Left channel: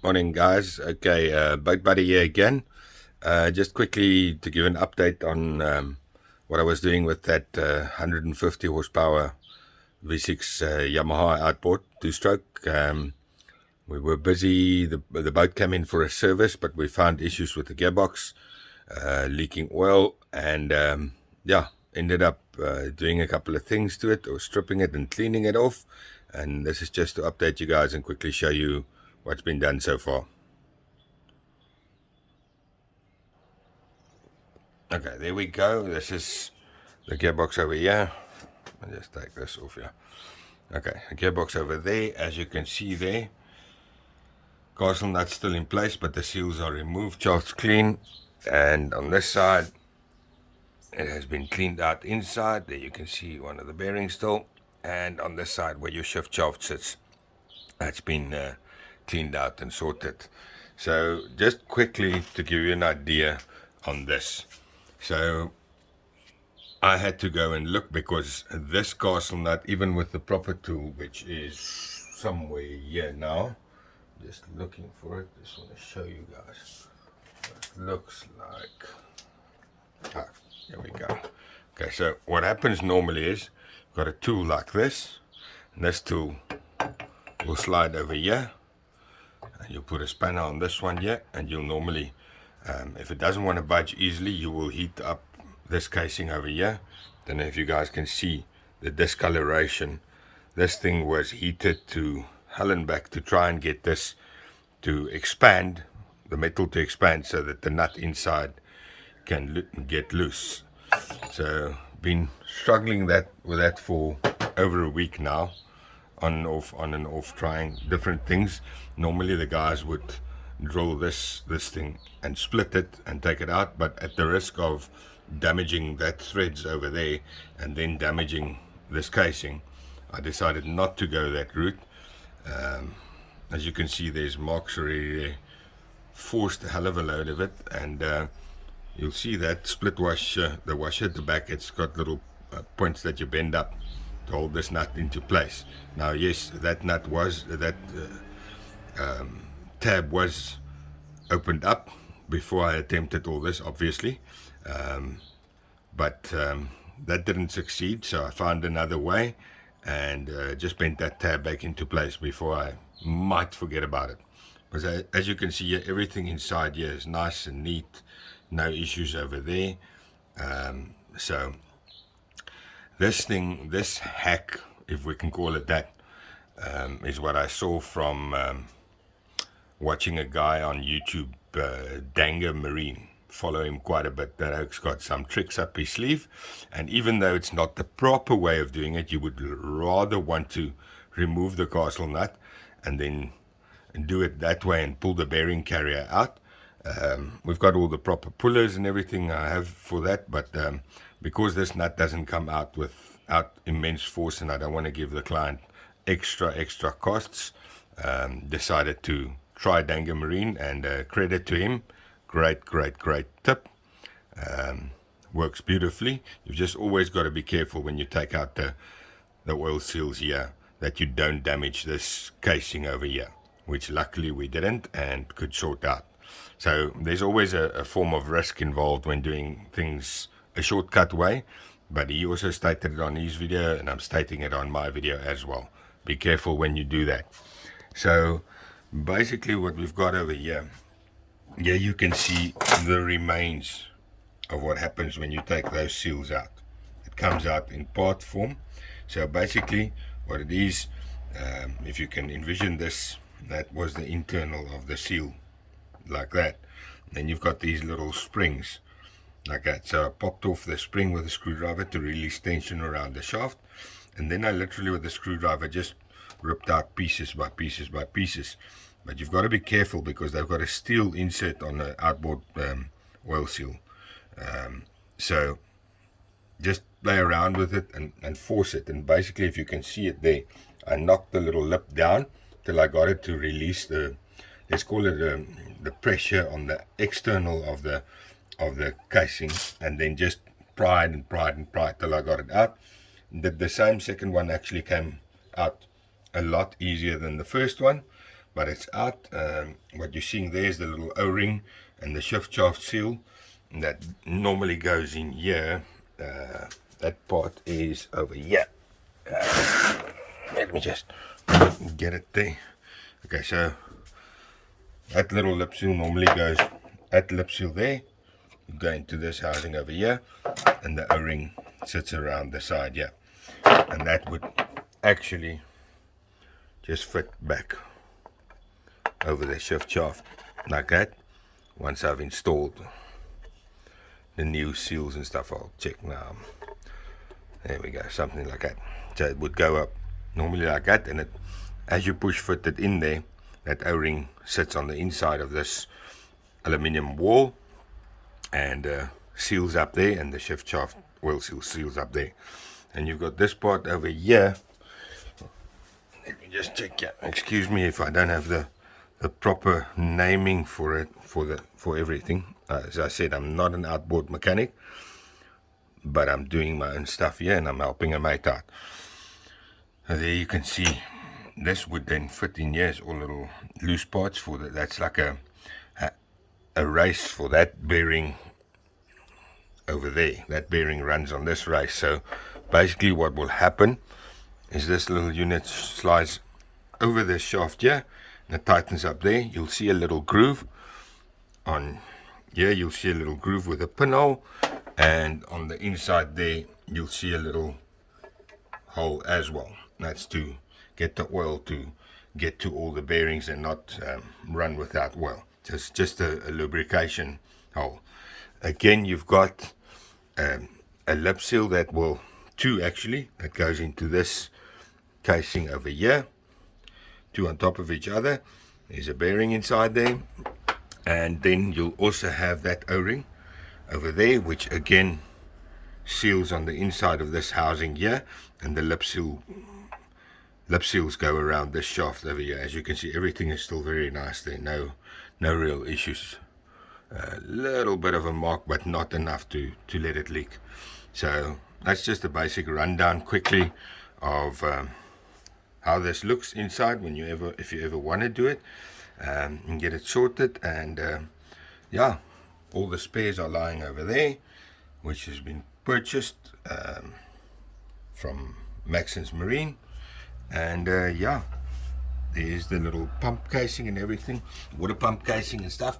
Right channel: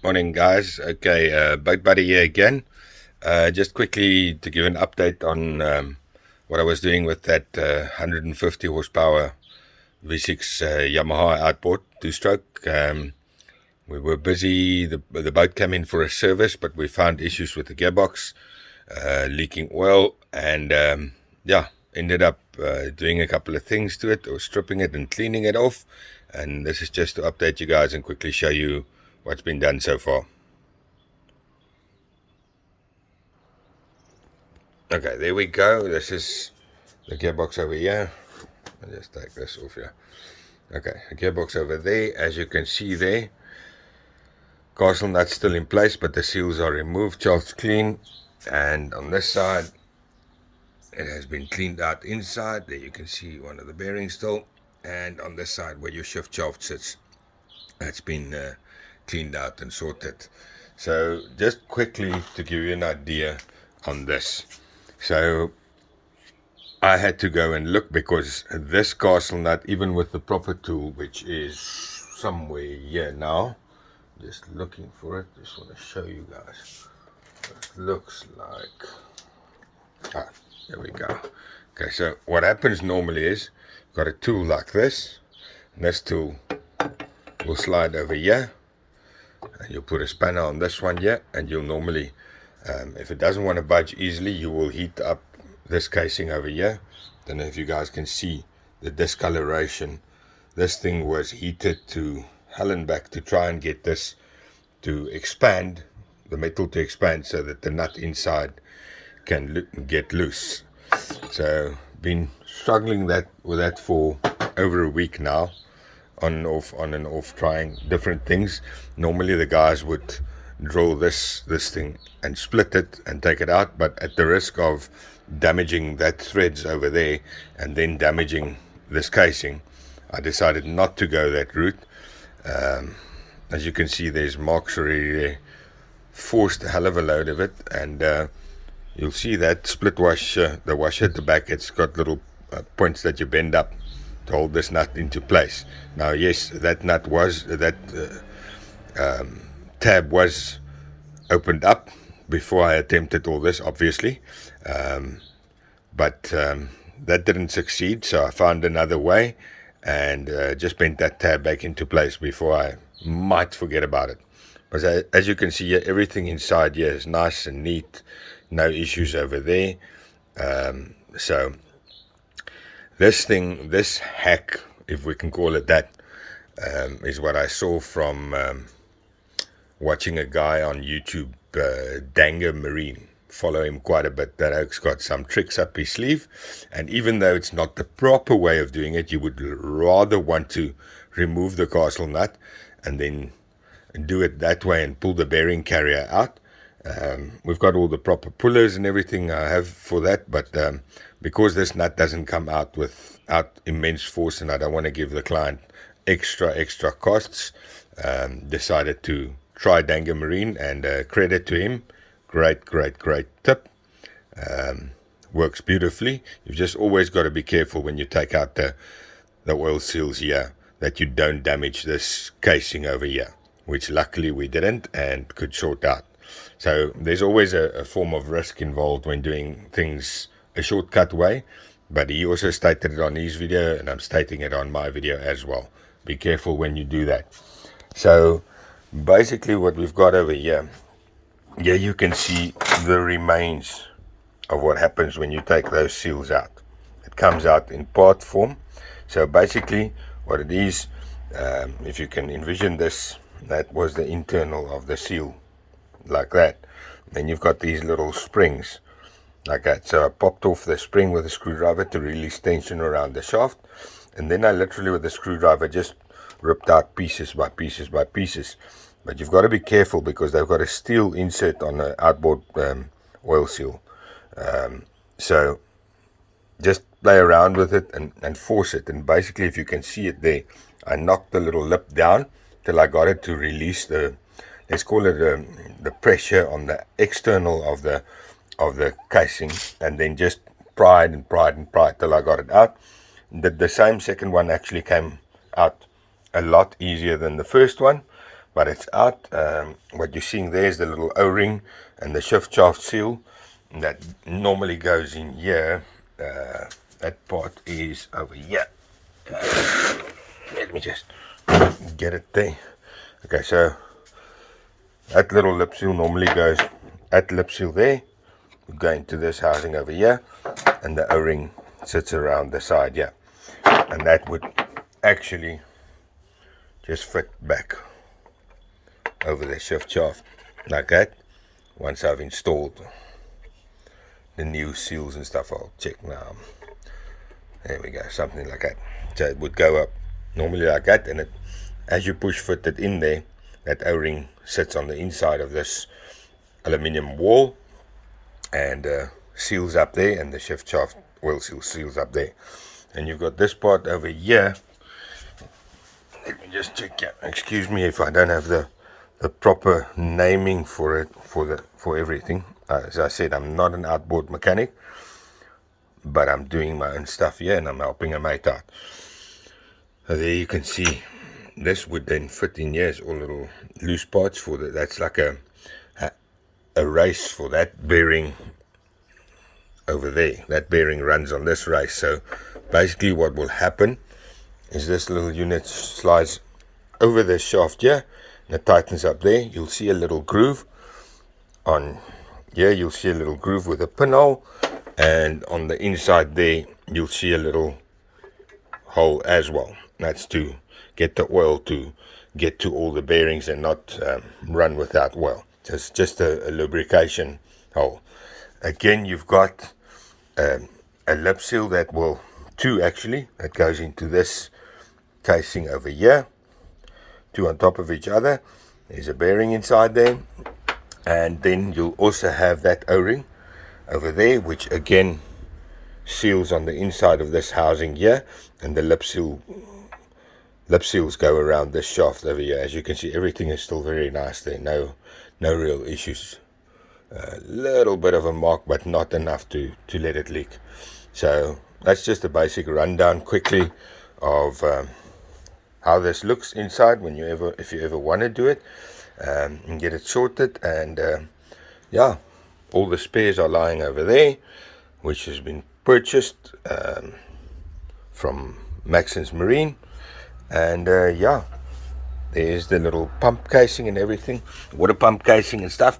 Morning, guys. Okay, Boat Buddy here again. Just quickly to give an update on what I was doing with that 150 horsepower V6 Yamaha outboard two-stroke. We were busy. The boat came in for a service, but we found issues with the gearbox, leaking oil, and yeah, ended up doing a couple of things to it, or stripping it and cleaning it off. And this is just to update you guys and quickly show you what's been done so far. Okay, there we go. This is the gearbox over here. I'll just take this off here. Okay, the gearbox over there. As you can see there, castle nut's still in place, but the seals are removed. Shaft's clean. And on this side, it has been cleaned out inside. There you can see one of the bearings still. And on this side, where your shift shaft sits, that's been cleaned out and sorted. So just quickly to give you an idea on this. So I had to go and look because this castle nut, even with the proper tool, which is somewhere here now, just looking for it, just want to show you guys. It looks like, there we go. Okay, so what happens normally is, got a tool like this, and this tool will slide over here, and you'll put a spanner on this one here, and you'll normally, if it doesn't want to budge easily, you will heat up this casing over here. Don't know if you guys can see the discoloration. This thing was heated to hell and back to try and get this to expand, the metal to expand, so that the nut inside can get loose. So been struggling with that for over a week now, on and off, trying different things. Normally the guys would drill this thing and split it and take it out, but at the risk of damaging that threads over there and then damaging this casing, I decided not to go that route. As you can see, there's marks already there. Forced a hell of a load of it, and you'll see that split washer, the washer at the back, it's got little points that you bend up to hold this nut into place. Now, yes, that nut was, that tab was opened up before I attempted all this, obviously. But that didn't succeed, so I found another way and just bent that tab back into place before I might forget about it. But as you can see here, everything inside here is nice and neat, no issues over there. So this thing, this hack, if we can call it that, is what I saw from watching a guy on YouTube, Danger Marine. Follow him quite a bit. That oak's got some tricks up his sleeve, and even though it's not the proper way of doing it, you would rather want to remove the castle nut and then do it that way and pull the bearing carrier out. We've got all the proper pullers and everything I have for that, but because this nut doesn't come out without immense force, and I don't want to give the client extra costs, decided to try Danger Marine, and credit to him. Great tip. Works beautifully. You've just always got to be careful when you take out the oil seals here, that you don't damage this casing over here, which luckily we didn't and could sort out. So there's always a form of risk involved when doing things a shortcut way, but he also stated it on his video, and I'm stating it on my video as well. Be careful when you do that. So basically what we've got over here, you can see the remains of what happens when you take those seals out. It comes out in part form. So basically what it is, if you can envision this, that was the internal of the seal, like that. Then you've got these little springs, like that. So I popped off the spring with a screwdriver to release tension around the shaft, and then I literally with the screwdriver just ripped out pieces by pieces by pieces. But you've got to be careful because they've got a steel insert on the outboard oil seal. So just play around with it and force it. And basically, if you can see it there, I knocked the little lip down till I got it to release the, let's call it the pressure on the external of the casing, and then just pried till I got it out. The same second one actually came out a lot easier than the first one. but it's out. What you're seeing there is the little O-ring and the shift shaft seal that normally goes in here. That part is over here. Let me just get it there. Okay, so that little lip seal normally goes at lip seal there. You go into this housing over here, and the O-ring sits around the side here, and that would actually just fit back over the shift shaft like that. Once I've installed the new seals and stuff, I'll check now. There we go, something like that. So it would go up normally like that, and it, as you push fit it in there, that O-ring sits on the inside of this aluminium wall and seals up there, and the shift shaft oil seal seals up there. And you've got this part over here. Let me just check here. Excuse me if I don't have the proper naming for it, for everything. As I said, I'm not an outboard mechanic, but I'm doing my own stuff here, and I'm helping a mate out. So there you can see, this would then fit in here as all little loose parts for that. That's like a race for that bearing over there. That bearing runs on this race. So basically what will happen is this little unit slides over the shaft here, and it tightens up there. You'll see a little groove on here. You'll see a little groove with a pinhole, and on the inside there you'll see a little hole as well. That's to get the oil to get to all the bearings and not run without oil. Just a lubrication hole. Again, you've got a lip seal that will, two actually, that goes into this casing over here, two on top of each other. There's a bearing inside there, and then you'll also have that O-ring over there, which again seals on the inside of this housing here, and the lip seals go around this shaft over here. As you can see, everything is still very nice there. No real issues. A little bit of a mark, but not enough to let it leak. So that's just a basic rundown quickly of how this looks inside if you ever want to do it and get it sorted. And yeah, all the spares are lying over there, which has been purchased from Maxon's Marine. And yeah, there's the little pump casing and everything, water pump casing and stuff.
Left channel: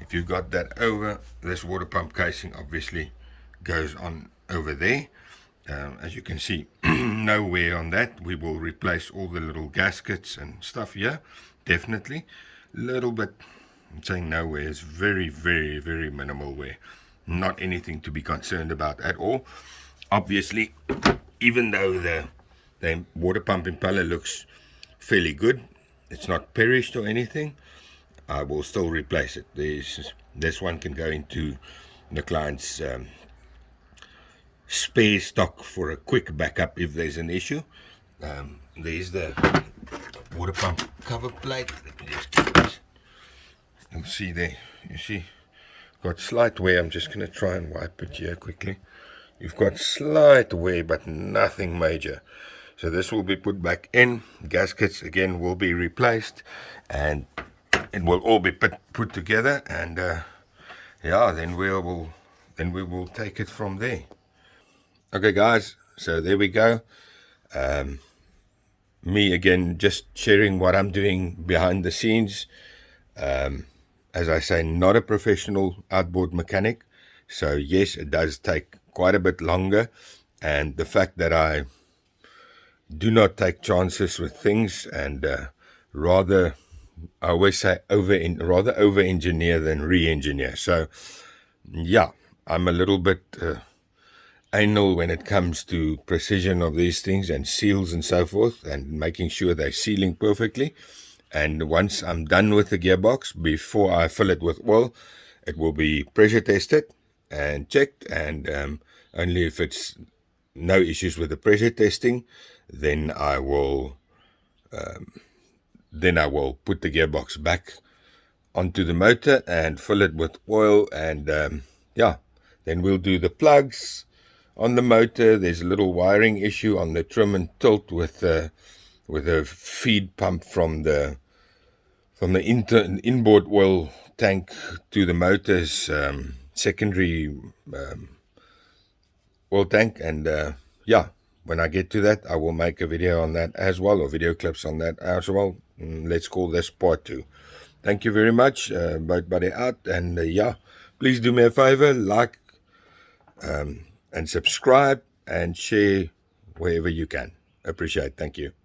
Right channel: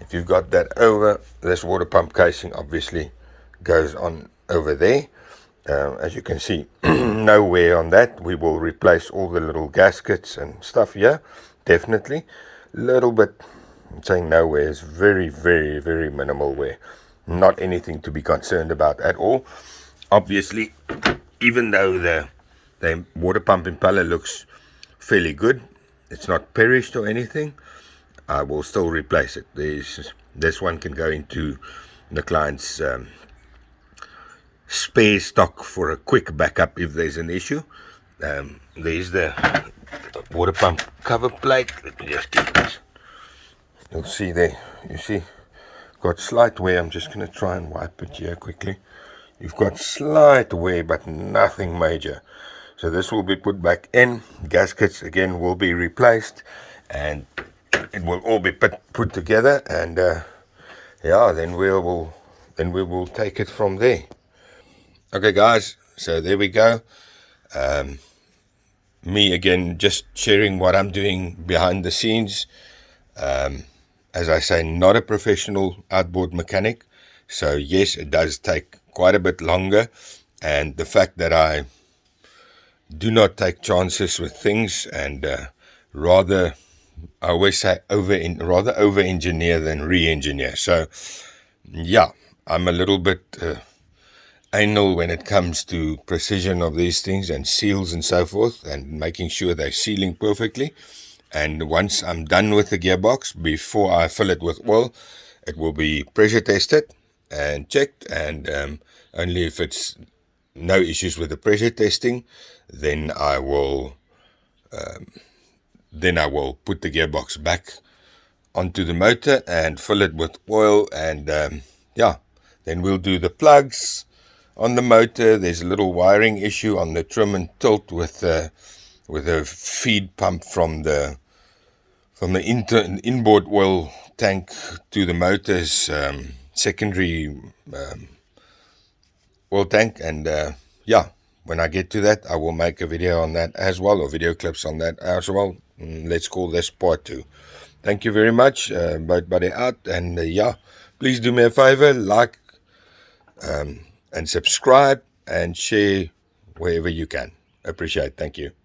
If you've got that over, this water pump casing obviously goes on over there. As you can see, no wear on that. We will replace all the little gaskets and stuff here, definitely. Little bit, I'm saying no wear, is very, very, very minimal wear. Not anything to be concerned about at all. Obviously, even though the water pump impeller looks fairly good, it's not perished or anything, I will still replace it. This one can go into the client's spare stock for a quick backup if there's an issue. There's the water pump cover plate. Let me just get this. You'll see there, you see, got slight wear. I'm just going to try and wipe it here quickly. You've got slight wear, but nothing major. So this will be put back in. Gaskets again will be replaced, and it will all be put together. And yeah, then we will take it from there. Okay, guys. So there we go. Me again, just sharing what I'm doing behind the scenes. As I say, not a professional outboard mechanic. So yes, it does take quite a bit longer. And the fact that I do not take chances with things, and rather, I always say rather over-engineer than re-engineer. So yeah, I'm a little bit anal when it comes to precision of these things and seals and so forth, and making sure they're sealing perfectly. And once I'm done with the gearbox, before I fill it with oil, it will be pressure tested and checked, and only if it's no issues with the pressure testing, then I will put the gearbox back onto the motor and fill it with oil. And yeah, then we'll do the plugs on the motor. There's a little wiring issue on the trim and tilt with a feed pump from the from the inboard oil tank to the motor's secondary oil tank. And yeah, when I get to that, I will make a video on that as well, or video clips on that as well. Let's call this part 2. Thank you very much, boat buddy out. And yeah, please do me a favor, like and subscribe and share wherever you can. Appreciate it. Thank you.